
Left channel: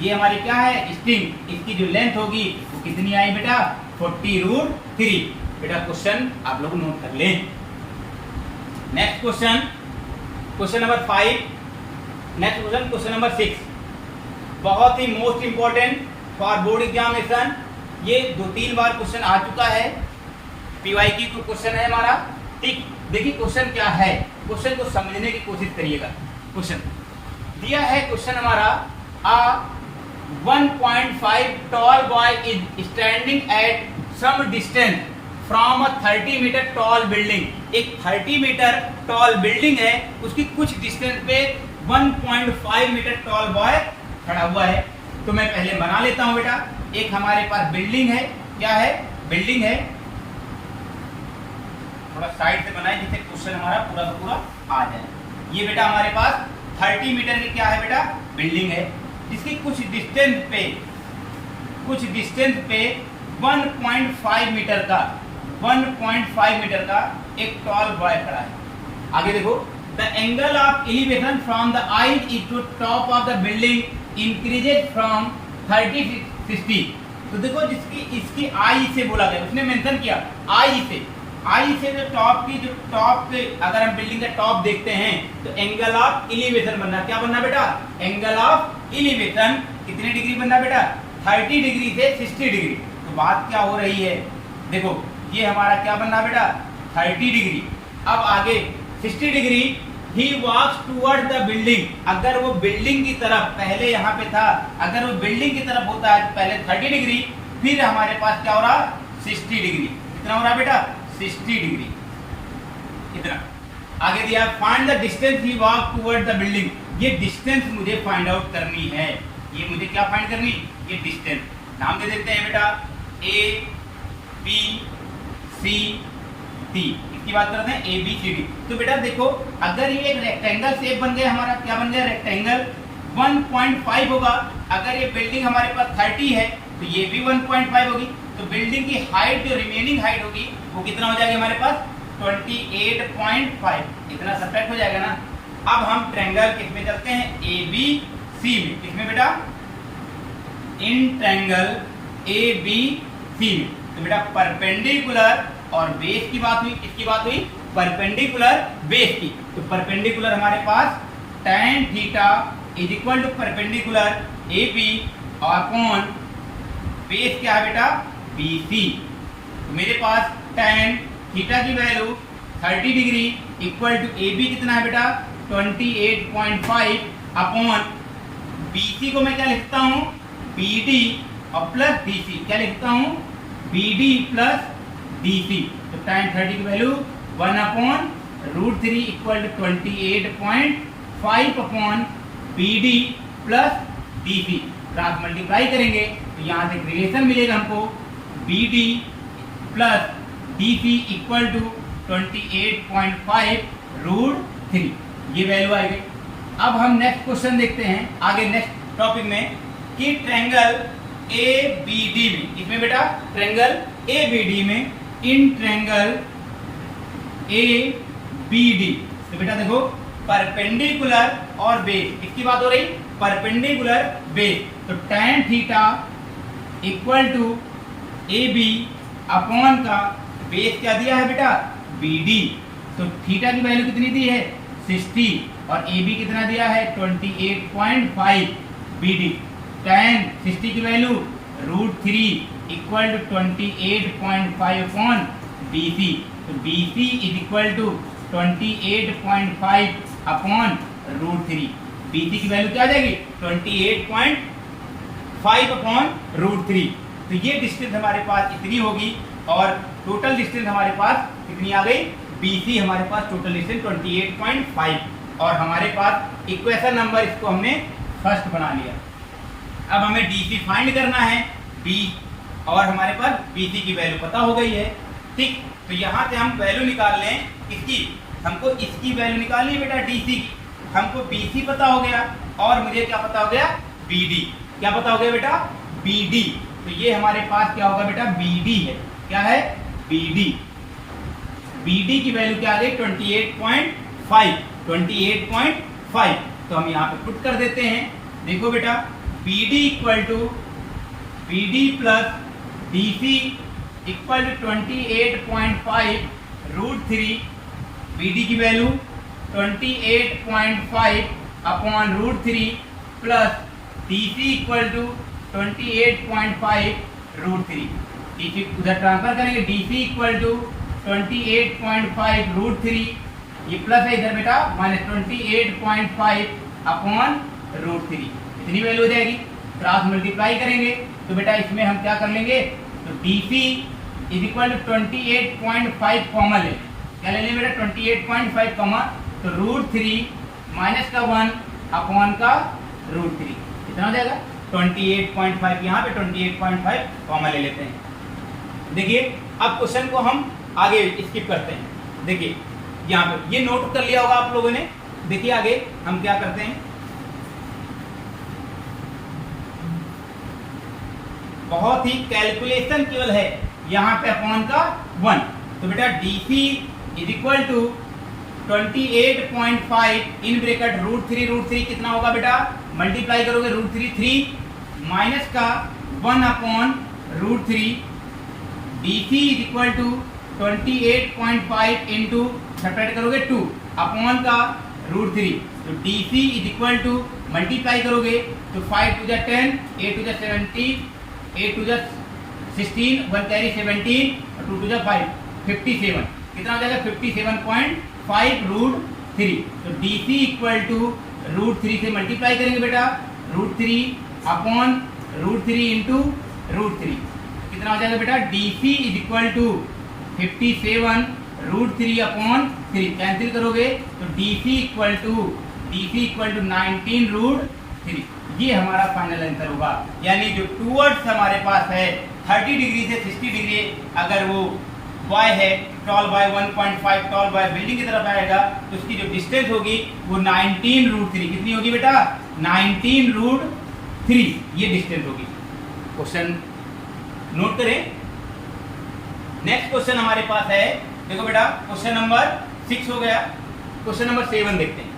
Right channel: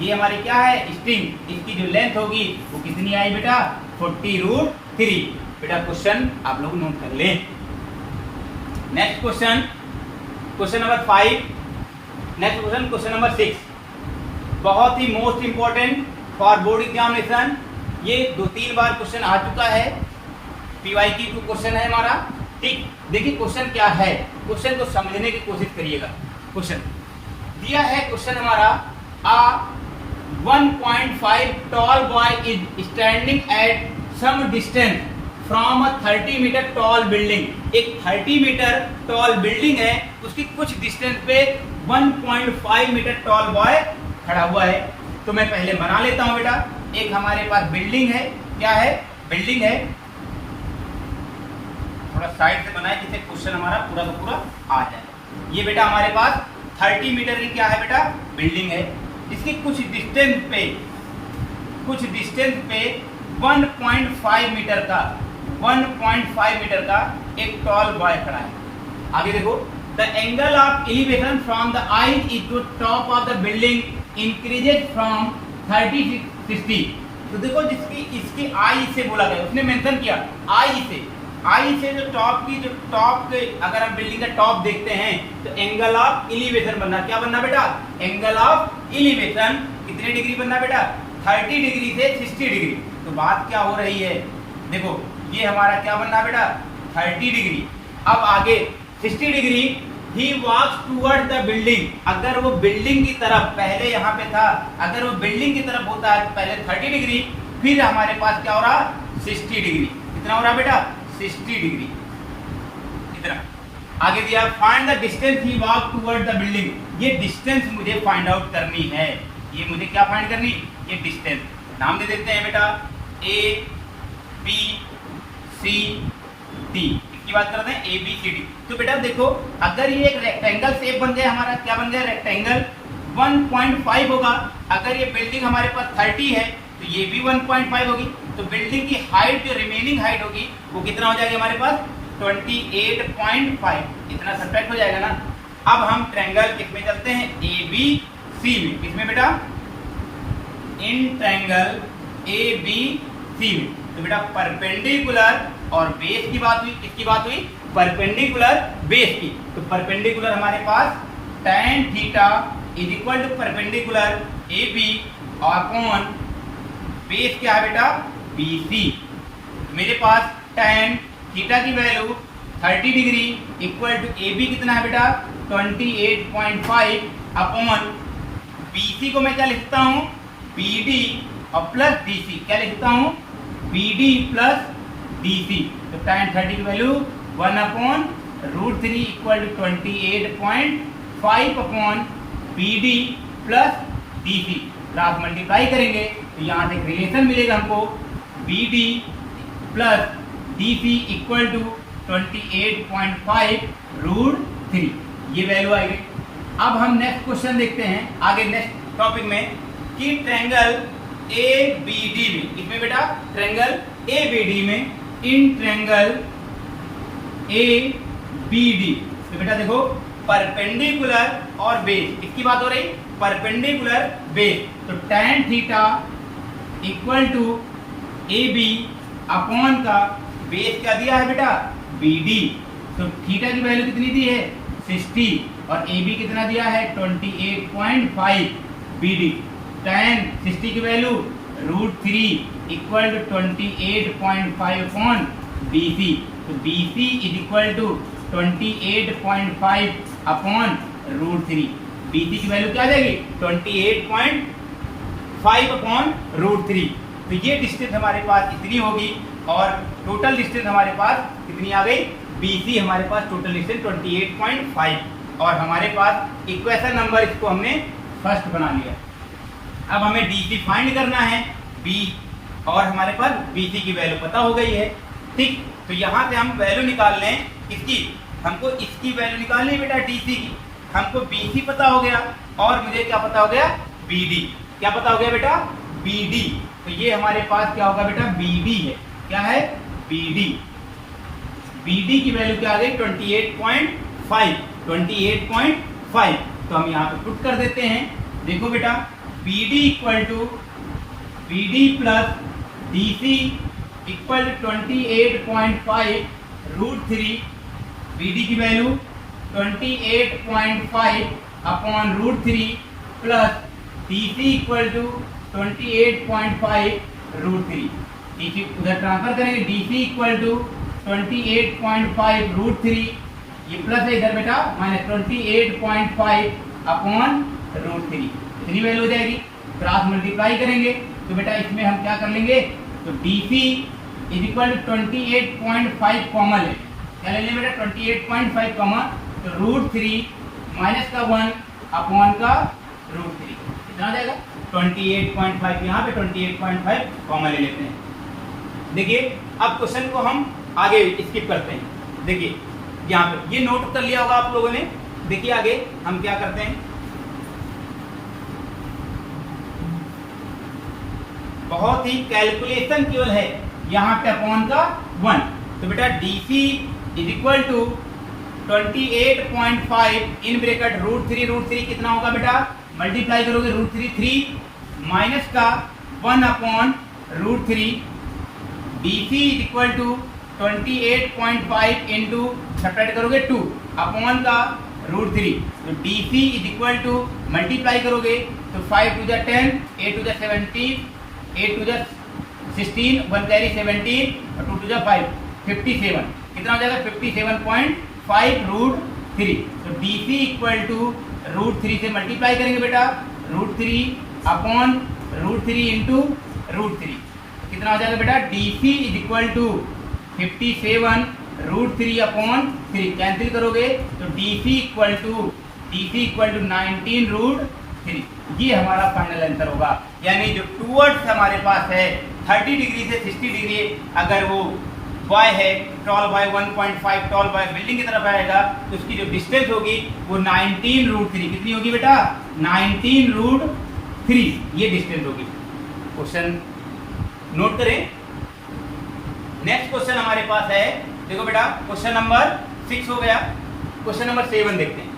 ये हमारी क्या है स्ट्रिंग, इसकी जो लेंथ होगी वो कितनी आई बेटा 40 √3। 3। बेटा क्वेश्चन आप लोग नोट कर लें। Next question, question number 5। Next question, question number 6, बहुत ही most important for board examination. ये 2-3 बार क्वेश्चन आ चुका है, PYQ क्वेश्चन है हमारा। ठीक, देखिए क्वेश्चन क्या है, क्वेश्चन को समझने की कोशिश करिएगा। क्वेश्चन दिया है, क्वेश्चन हमारा, a 1.5 tall boy is standing at some distance from a 30 metre tall building. एक 30 मीटर टॉल बिल्डिंग है, उसकी कुछ डिस्टेंस पे 1.5 मीटर टॉल बॉय खड़ा हुआ है। तो मैं पहले बना लेता हूं बेटा। एक हमारे पास बिल्डिंग है, क्या है, बिल्डिंग है। थोड़ा साइड से बनाए जिससे क्वेश्चन हमारा पूरा का पूरा आ जाए। ये बेटा हमारे पास 30 मीटर की क्या है बेटा, बिल्डिंग है, जिसकी कुछ डिस्टेंस पे 1.5 मीटर का 1.5 मीटर का एक टॉल बॉय खड़ा है। आगे देखो, the angle of elevation from the eye is to top of the building increases from 30-60। तो देखो, जिसकी इसकी आई से बोला गया, उसने मेंशन किया आई से जो टॉप के अगर हम बिल्डिंग का टॉप देखते हैं तो एंगल ऑफ एलिवेशन बनना, क्या बनना बेटा, एंगल ऑफ एलिवेशन कितने डिग्री बनना बेटा, 30 डिग्री से 60 डिग्री। तो बात क्या हो रही है, देखो ये हमारा क्या बनना बेटा, 30 डिग्री। अब आगे 60 degree, he walks toward the building. अगर वो बिल्डिंग की तरफ, पहले यहाँ पे था, अगर वो बिल्डिंग की तरफ होता है तो पहले 30 डिग्री, फिर हमारे पास क्या हो रहा, 60 डिग्री। कितना हो रहा बेटा, 60 डिग्री। इतना आगे दिया, find the distance he walk toward the building. ये डिस्टेंस मुझे फाइंड आउट करनी है। ये मुझे क्या फाइंड करनी, ये डिस्टेंस। नाम दे देते हैं बेटा A B C D। की बात करते हैं ABCD। तो बेटा देखो, अगर ये एक रेक्टेंगल शेप बन गया हमारा, क्या बन गया, रेक्टेंगल 1.5 होगा। अगर ये बिल्डिंग हमारे पास 30 है तो ये भी 1.5 होगी। तो बिल्डिंग की हाइट, जो रिमेनिंग हाइट होगी वो कितना हो जाएगा हमारे पास, 28.5। इतना सब्ट्रैक्ट हो जाएगा ना। अब हम ट्रायंगल किसमें करते हैं, ABC में। किसमें बेटा, इन ट्रायंगल ABC में। तो बेटा परपेंडिकुलर और बेस की बात हुई, किसकी बात हुई, परपेंडिकुलर बेस की। तो परपेंडिकुलर हमारे पास tan theta is equal to perpendicular AB upon base क्या है बेटा, BC। तो मेरे पास tan थीटा की value 30 degree equal to AB कितना है बेटा, 28.5 अपॉन BC को मैं क्या लिखता हूँ, BD और प्लस DC। क्या लिखता हूँ, BD प्लस DC। तो tan 30 की value 1/√3 equal to 28.5 upon BD plus DC। आप मल्टीप्लाई करेंगे तो यहाँ से रिलेशन मिलेगा हमको, BD plus DC equal to 28.5√3। ये वैल्यू आएगी। अब हम नेक्स्ट क्वेश्चन देखते हैं आगे नेक्स्ट टॉपिक में, कि ट्रायंगल ABD में, इसमें बेटा ट्रायंगल ABD में, इन ट्रायंगल ABD। तो बेटा देखो, परपेंडिकुलर और बेस, इसकी बात हो रही, परपेंडिकुलर बेस। तो tan theta equal to AB upon का बेस क्या दिया है बेटा, BD। तो थीटा की वैल्यू कितनी दी है, 60 और AB कितना दिया है, 28.5 BD। tan 60 की value √3 equal to 28.5 upon BC। तो BC is equal to 28.5 upon √3। BC की वैल्यू क्या आ जाएगी, 28.5 अपॉन √3। तो ये डिस्टेंस हमारे पास इतनी होगी और टोटल डिस्टेंस हमारे पास कितनी आ गई, BC हमारे पास टोटल डिस्टेंस 28.5 और हमारे पास इक्वेशन नंबर इसको हमने फर्स्ट बना लिया। अब हमें DC फाइंड करना है, B और हमारे पास BC की वैल्यू पता हो गई है। ठीक, तो यहाँ से हम वैल्यू निकाल लें इसकी, हमको इसकी वैल्यू निकालनी बेटा DC की। हमको BC पता हो गया और मुझे क्या पता हो गया, BD। क्या पता हो गया बेटा, BD। तो ये हमारे पास क्या होगा बेटा, BD है। क्या है, BD। BD की वैल्यू क्या आ गई, 28.5। तो हम यहाँ पे पुट कर देते हैं। देखो बेटा, BD equal to BD plus DC equal to 28.5 root 3, BD की value 28.5 upon root 3 plus DC equal to 28.5 root 3। DC उधर ट्रांसफर करेंगे, DC इक्वल टू 28.5 रूट 3, ये प्लस है इधर बेटा, माइनस 28.5 अपॉन रूट 3, इतनी वैल्यू हो जाएगी। क्रॉस मल्टीप्लाई करेंगे तो बेटा इसमें हम क्या कर लेंगे, तो DC is equal to 28.5 common ले, क्या ले लें बेटा 28.5 कॉमन, तो रूट 3 माइनस का 1 अपॉन का रूट 3, कितना हो जाएगा 28.5, यहाँ पे 28.5 कॉमन ले लेते हैं। देखिए अब क्वेश्चन को हम आगे स्किप करते हैं। देखिए यहाँ पे ये नोट कर लिया होगा आप लोगों ने। देखिए आगे हम क्या करते हैं, बहुत ही कैलकुलेशन केवल है यहाँ पे अपॉन का 1, तो बेटा DC is equal to 28.5 in bracket root 3 कितना होगा बेटा, मल्टीप्लाई करोगे रूट 3 माइनस का 1 upon root 3, DC is equal to 28.5 into subtract करोगे 2 अपॉन का रूट 3, तो DC is equal to multiply करोगे तो 5 two the 10, 8 two the 17, 8 two the 16, 1 carry 17 और 2 टू द 5, 57, कितना हो जाएगा 57.5 रूट 3, तो DC इक्वल टू रूट 3 से मल्टीप्लाई करेंगे बेटा, root 3 upon root 3 into root 3, कितना हो जाएगा बेटा DC is equal to 57 root 3 upon 3, cancel करोगे तो DC इक्वल टू 19 रूट 3, ये हमारा फाइनल आंसर होगा। यानी जो टूवर्ड्स हमारे पास है 30 डिग्री से 60 डिग्री, अगर वो बॉय है tall boy 1.5 tall boy building की तरफ आएगा तो उसकी जो डिस्टेंस होगी वो 19 रूट 3, कितनी होगी बेटा 19 रूट 3, ये डिस्टेंस होगी। क्वेश्चन नोट करें। नेक्स्ट क्वेश्चन हमारे पास है, देखो बेटा क्वेश्चन नंबर 6 हो गया, क्वेश्चन नंबर 7 देखते हैं।